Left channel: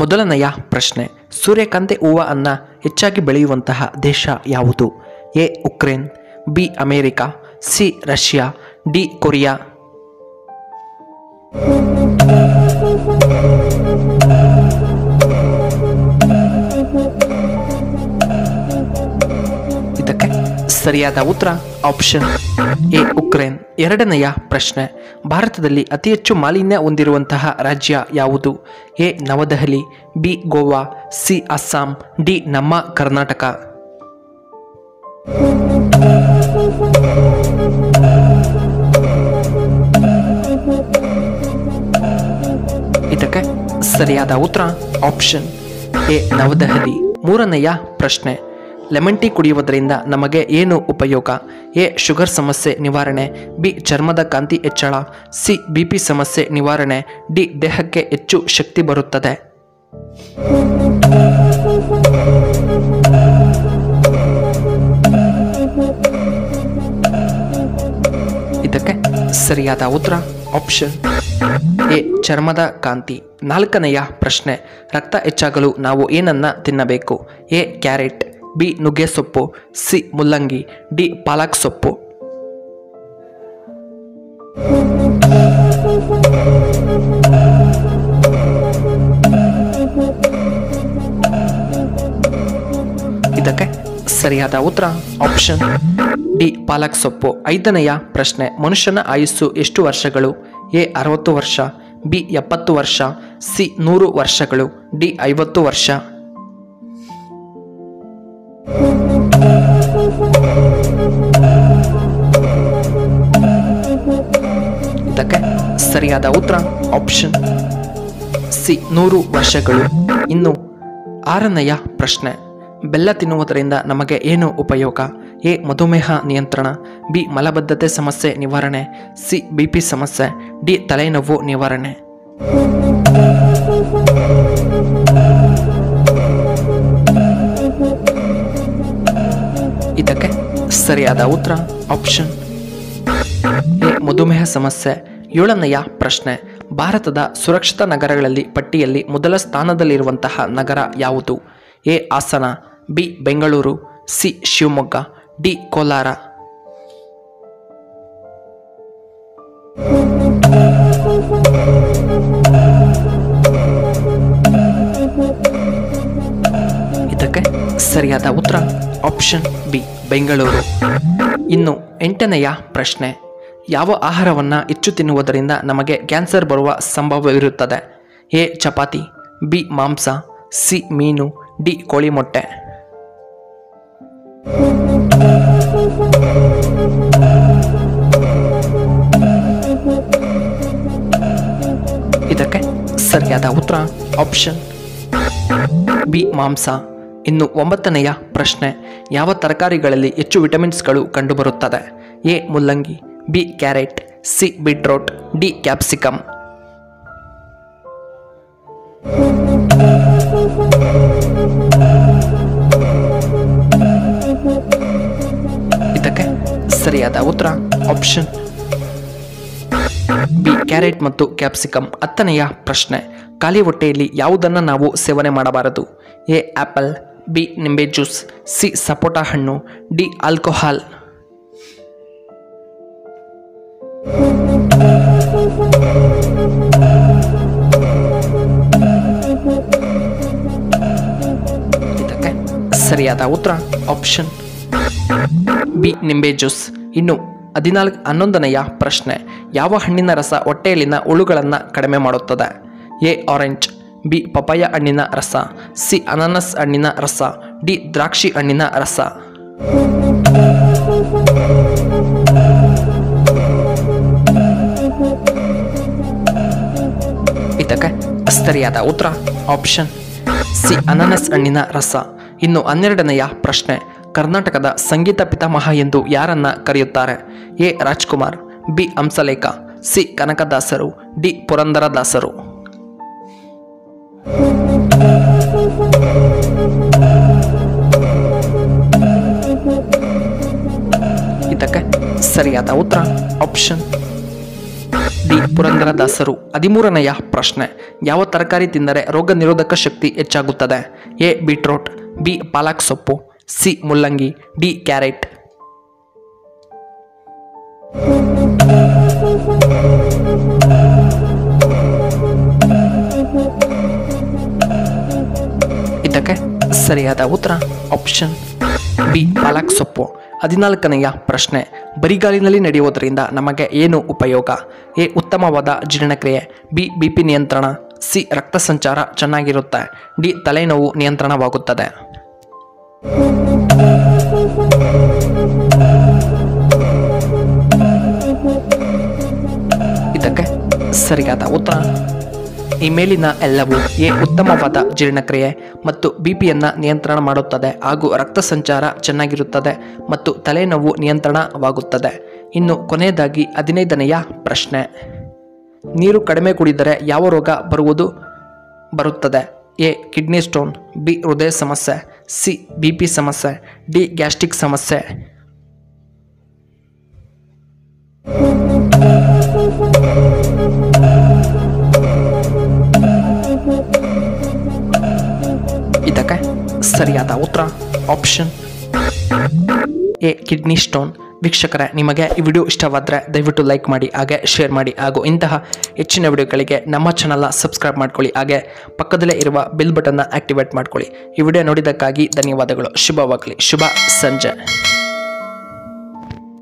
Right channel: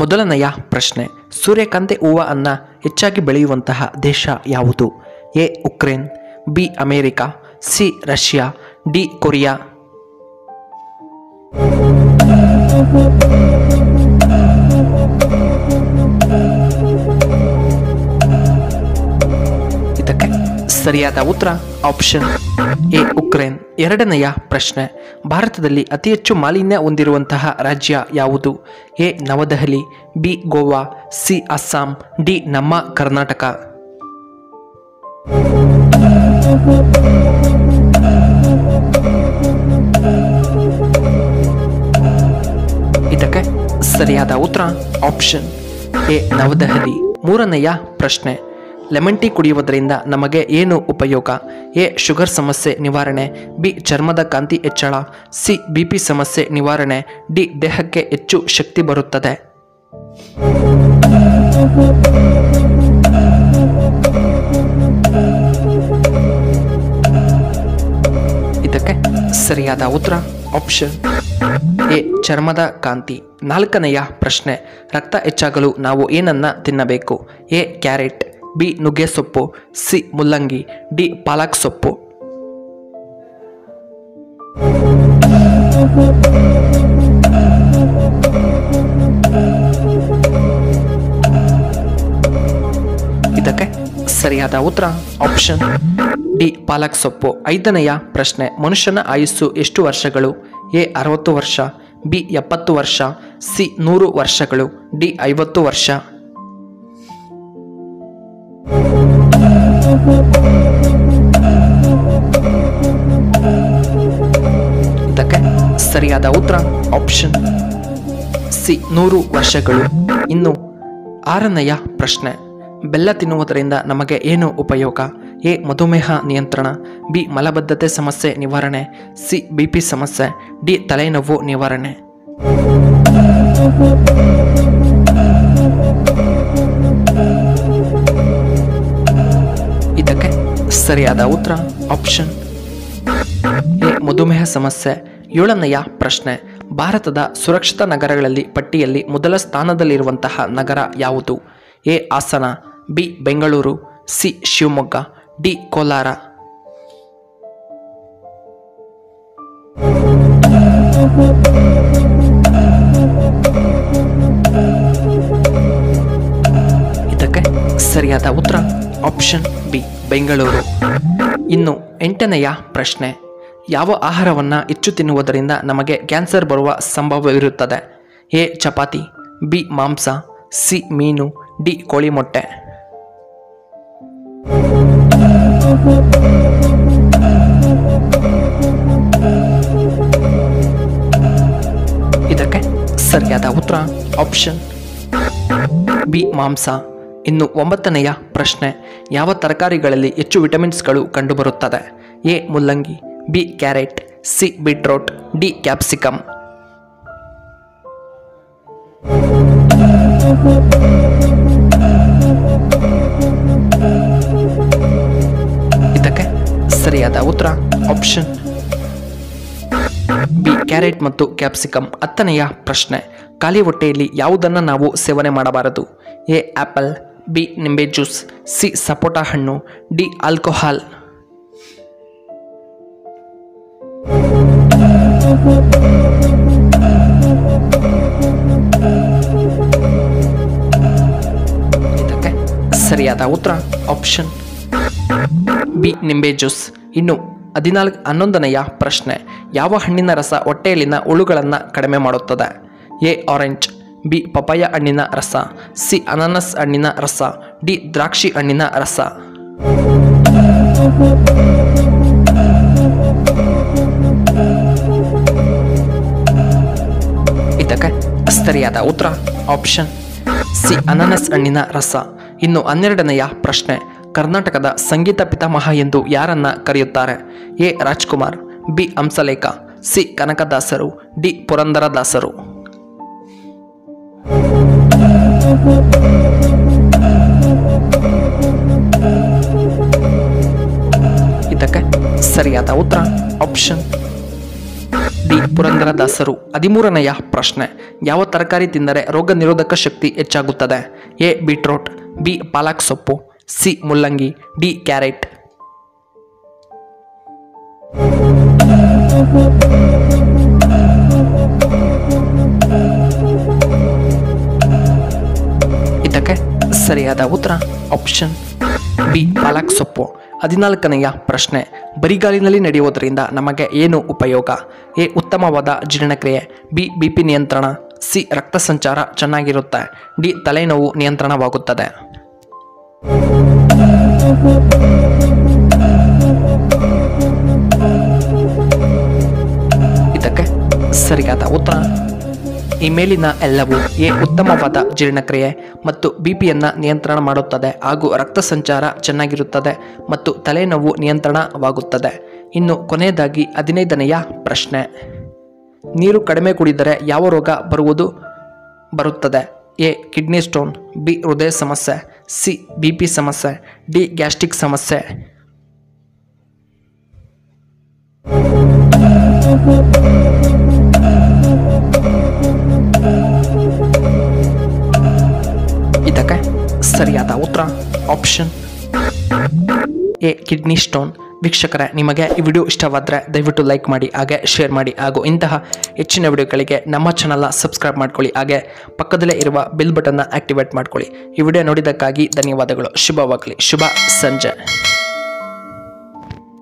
ಮೊದಲನೆಯ ಪ್ರಶ್ನೆ, ಸೂರ್ಯಕಾಂತಿ ಹೂವನ್ನು ಹೆಚ್ಚಾಗಿ ಬೆಳೆಯುವಂತಹ ದೇಶ ಯಾವುದು? A Ukraine, B America, C Russia, D Korea. ಇದಕ್ಕೆ ಸರಿಯಾದ ಉತ್ತರ ಆಪ್ಷನ್ ಎ ಉಕ್ರೇನ್. ಎರಡನೆಯ ಪ್ರಶ್ನೆ, ಭಾರತದಲ್ಲಿ ಅತಿ ಹೆಚ್ಚು ಮಾಲಿನ್ಯ ಹೊಂದಿರುವಂತಹ ರಾಜ್ಯ ಯಾವುದು? A Navadehali, B Goa, C Assam, D ನಮ್ಮ ಕರ್ನಾಟಕ. ಇದಕ್ಕೆ ಸರಿಯಾದ ಉತ್ತರ ಆಪ್ಷನ್ ಎ ನವದೆಹಲಿ. ಮೂರನೆಯ ಪ್ರಶ್ನೆ, ಲೆಮನ್ ಟೀ ಕುಡಿಯುವುದರಿಂದ ನಮಗೆ ಏನು ಉಪಯೋಗ? ಎ ಶುಗರ್ ಸಮಸ್ಯೆ ನಿವಾರಣೆ, ಬಿ ಚರ್ಮದ ಕಾಂತಿ ಹೆಚ್ಚಳ, ಸಿ ಬಿಪಿ ಸಮಸ್ಯೆ ನಿವಾರಣೆ, ಡಿ ದೇಹಕ್ಕೆ ಹೆಚ್ಚು ಶಕ್ತಿ ಬರುತ್ತದೆ. ಇದಕ್ಕೆ ಸರಿಯಾದ ಉತ್ತರ ಆಪ್ಷನ್ ಎ ಚರ್ಮದ ಕಾಂತಿ. ನಾಲ್ಕನೆಯ ಪ್ರಶ್ನೆ, ರಕ್ತ ಹೆಚ್ಚಾಗಲು ನಾವು ಏನನ್ನ ತಿನ್ನಬೇಕು? ಎ ಕ್ಯಾರೆಟ್, ಬಿ ನುಗ್ಗೆ ಸೊಪ್ಪು, ಸಿ ಮುಲ್ಲಂಗಿ, ಡಿ ಪಾಲಕ್ ಸೊಪ್ಪು. ಇದಕ್ಕೆ ಸರಿಯಾದ ಉತ್ತರ ಆಪ್ಷನ್ ಡಿ ಪಾಲಕ್ ಸೊಪ್ಪು. ಐದನೆಯ ಪ್ರಶ್ನೆ, ಮನುಷ್ಯನ ಆಯುಸ್ಸು ಎಷ್ಟು ವರ್ಷಗಳು? ಎ 60 ವರ್ಷ, ಬಿ 70 ವರ್ಷ, ಸಿ 100 ವರ್ಷಗಳು, ಡಿ 50 ವರ್ಷ. ಇದಕ್ಕೆ ಸರಿಯಾದ ಉತ್ತರ ಆಪ್ಷನ್ ಸಿ 100 ವರ್ಷಗಳು. ಇನ್ನು ಆರನೆಯ ಪ್ರಶ್ನೆ, ಬೆಲ್ಲ ತಿನ್ನುವುದರಿಂದ ನಮಗೆ ಏನು ಉಪಯೋಗ? ಎ ಮಧುಮೇಹ ನಿಯಂತ್ರಣ, ಬಿ ಮಲಬದ್ಧತೆ ಸಮಸ್ಯೆ ನಿವಾರಣೆ, ಸಿ ಬಿಪಿ ಸಮಸ್ಯೆ, ಡಿ ತಲೆನೋವು ನಿವಾರಣೆ. ಇದಕ್ಕೆ ಸರಿಯಾದ ಉತ್ತರ ಆಪ್ಷನ್ ಎ ಮಧುಮೇಹ ಸಮಸ್ಯೆ. ಏಳನೆಯ ಪ್ರಶ್ನೆ, ಭಾರತದ ಸುರಕ್ಷಿತ ನಗರಗಳಲ್ಲಿ ಪಟ್ಟಿಯಲ್ಲಿ ಮೊದಲ ಸ್ಥಾನದಲ್ಲಿರುವಂತಹ ನಗರ ಯಾವುದು? A Hassan, B Bengaluru, C Shivamogga, D Kolar. ಇದಕ್ಕೆ ಸರಿಯಾದ ಉತ್ತರ ಆಪ್ಷನ್ ಬಿ ಬೆಂಗಳೂರು. ಇನ್ನು ಎಂಟನೆಯ ಪ್ರಶ್ನೆ, ಯಾವ ಆಹಾರವನ್ನು ಹೆಚ್ಚು ತಿನ್ನುವುದರಿಂದ ನಮಗೆ ಕ್ಯಾನ್ಸರ್ ಬರುವ ಸಂಭವವಿರುತ್ತದೆ? ಎ ಚಪಾತಿ, ಬಿ ಮಾಂಸ, ಸಿ ಮೀನು, ಡಿ ಕೋಳಿ ಮೊಟ್ಟೆ. ಇದಕ್ಕೆ ಸರಿಯಾದ ಉತ್ತರ ಆಪ್ಷನ್ ಬಿ ಮಾಂಸ. ಇನ್ನು ಒಂಬತ್ತನೆಯ ಪ್ರಶ್ನೆ, ಯಾವ ತರಕಾರಿಗಳಲ್ಲಿ ಹೆಚ್ಚು ವಿಟಮಿನ್ಸ್ಗಳು ಕಂಡುಬರುತ್ತದೆ? ಎ ಮುಲ್ಲಂಗಿ, B carrot, C beetroot, D capsicum. ಇದಕ್ಕೆ ಸರಿಯಾದ ಉತ್ತರ ಆಪ್ಷನ್ ಬಿ ಕ್ಯಾರೆಟ್ ಮತ್ತು ಕ್ಯಾಪ್ಸಿಕಮ್. ಹತ್ತನೆಯ ಪ್ರಶ್ನೆ, ಖಾಲಿ ಹೊಟ್ಟೆಯಲ್ಲಿ ಯಾವುದನ್ನು ನಾವು ಸೇವನೆ ಮಾಡಬಾರದು? ಎ ಆಪಲ್, ಬಿ ನಿಂಬೆ ಜ್ಯೂಸ್, ಸಿ ಸಪೋಟ ಹಣ್ಣು, ಡಿ ಆಲ್ಕೋಹಾಲ್. ಇದಕ್ಕೆ ಸರಿಯಾದ ಉತ್ತರ ಆಪ್ಷನ್ ಬಿ ನಿಂಬೆ ಜ್ಯೂಸ್. ಇನ್ನು 11ನೆಯ ಪ್ರಶ್ನೆ, ಯಾವ ಹಣ್ಣಿನ ರಸ ಹೊಟ್ಟೆಯಲ್ಲಿನ ಹುಳುಗಳನ್ನು ಕಡಿಮೆ ಮಾಡುತ್ತದೆ? ಎ ಆರೆಂಜ್, ಬಿ ಪಪಾಯ ಹಣ್ಣಿನ ರಸ, ಸಿ ಅನಾನಸ್ ಹಣ್ಣಿನ ರಸ, ಡಿ ದ್ರಾಕ್ಷಿ ಹಣ್ಣಿನ ರಸ. ಇದಕ್ಕೆ ಸರಿಯಾದ ಉತ್ತರ ಆಪ್ಷನ್ ಸಿ ಅನಾನಸ್ ಹಣ್ಣಿನ ರಸ. ಇನ್ನು 12ನೆಯ ಪ್ರಶ್ನೆ, ಕರ್ನಾಟಕದ ಸಂಗೀತ ಪಿತಾಮಹ ಎಂದು ಯಾರನ್ನ ಕರೆಯುತ್ತಾರೆ? A Rajkumar, B Hamsalekha, C ಕನಕದಾಸರು, ಡಿ ಪುರಂದರದಾಸರು. ಇದಕ್ಕೆ ಸರಿಯಾದ ಉತ್ತರ ಆಪ್ಷನ್ ಡಿ ಪುರಂದರದಾಸರು. 13ನೆಯ ಪ್ರಶ್ನೆ, ಯಾವ ತರಕಾರಿ ತಿಂದರೆ ರೋಗ ನಿರೋಧಕ ಶಕ್ತಿ ಹೆಚ್ಚಾಗುತ್ತದೆ? ಎ ಬೀಟ್ರೋಟ್, ಬಿ ಪಾಲಕ್ ಸೊಪ್ಪು, ಸಿ ಮುಲ್ಲಂಗಿ, ಡಿ ಕ್ಯಾರೆಟ್. ಇದಕ್ಕೆ ಸರಿಯಾದ ಉತ್ತರ ಆಪ್ಷನ್ ಬಿ ಪಾಲಕ್ ಸೊಪ್ಪು. 14ನೆಯ ಪ್ರಶ್ನೆ, ಬರಿಗಾಲಿನಲ್ಲಿ ನಡೆಯುವುದರಿಂದ ನಮಗೆ ಏನು ಉಪಯೋಗ? ಎ ಉತ್ತಮವಾದ ಜೀರ್ಣಕ್ರಿಯೆ, ಬಿ ಬಿಪಿ ನಿಯಂತ್ರಣ, ಸಿ ರಕ್ತ ಸಂಚಾರ ಚೆನ್ನಾಗಿರುತ್ತೆ, ಡಿ ತಲೆನೋವು ನಿಯಂತ್ರಣವಾಗುತ್ತದೆ. ಇದಕ್ಕೆ ಸರಿಯಾದ ಉತ್ತರ ಈ ಮೇಲಿನ ಎಲ್ಲವೂ. ಎ ಉತ್ತಮವಾದ ಜೀರ್ಣಕ್ರಿಯೆ ಮತ್ತು ಬಿಪಿಯನ್ನು ನಿಯಂತ್ರಣ ಮಾಡುತ್ತದೆ ಹಾಗೂ ರಕ್ತ ಸಂಚಾರ ಚೆನ್ನಾಗಿರುತ್ತದೆ ಮತ್ತು ತಲೆನೋವು ನಿಯಂತ್ರಣವಾಗುತ್ತದೆ. ಇನ್ನು ಕೊನೆಯದಾಗಿ 15ನೆಯ ಪ್ರಶ್ನೆ, ನೀರು ಕಡಿಮೆ ಕುಡಿದರೆ ಯಾವ ರೋಗ ಬರುತ್ತದೆ? ಎ ಕಿಡ್ನಿ ಸ್ಟೋನ್, ಬಿ ಹೃದಯ ಸಮಸ್ಯೆ, ಸಿ ಬಿಪಿ ಸಮಸ್ಯೆ, ಡಿ ಗ್ಯಾಸ್ಟ್ರಿಕ್ ಸಮಸ್ಯೆ. ಇದಕ್ಕೆ ಸರಿಯಾದ ಉತ್ತರ ಆಪ್ಷನ್ ಎ ಕಿಡ್ನಿ ಸ್ಟೋನ್. ವೀಕ್ಷಕರೇ, ನಿಮಗೆ ಈ ವಿಡಿಯೋ ಇಷ್ಟವಾದರೆ ದಯವಿಟ್ಟು ಲೈಕ್ ಮಾಡಿ, ಹಾಗೆ ಶೇರ್ ಮಾಡಿ, ಹಾಗೂ ಇಂತಹ ಹೆಚ್ಚಿನ ವಿಡಿಯೋಗಳಿಗೆ ನಮ್ಮ ಚಾನಲ್ನ ಸಬ್ಸ್ಕ್ರೈಬ್ ಮಾಡ್ಕೊಳ್ಳಿ, ಹಾಗೆ ಪಕ್ಕದಲ್ಲೇ ಇರುವ ಬೆಲ್ ಬಟನ್ನ ಆಕ್ಟಿವೇಟ್ ಮಾಡ್ಕೊಳ್ಳಿ. ಈ ವಿಡಿಯೋ ನೋಡಿದ್ದಕ್ಕಾಗಿ ಧನ್ಯವಾದಗಳು. ಶುಭವಾಗಲಿ. ಶುಭ ಸಂಜೆ.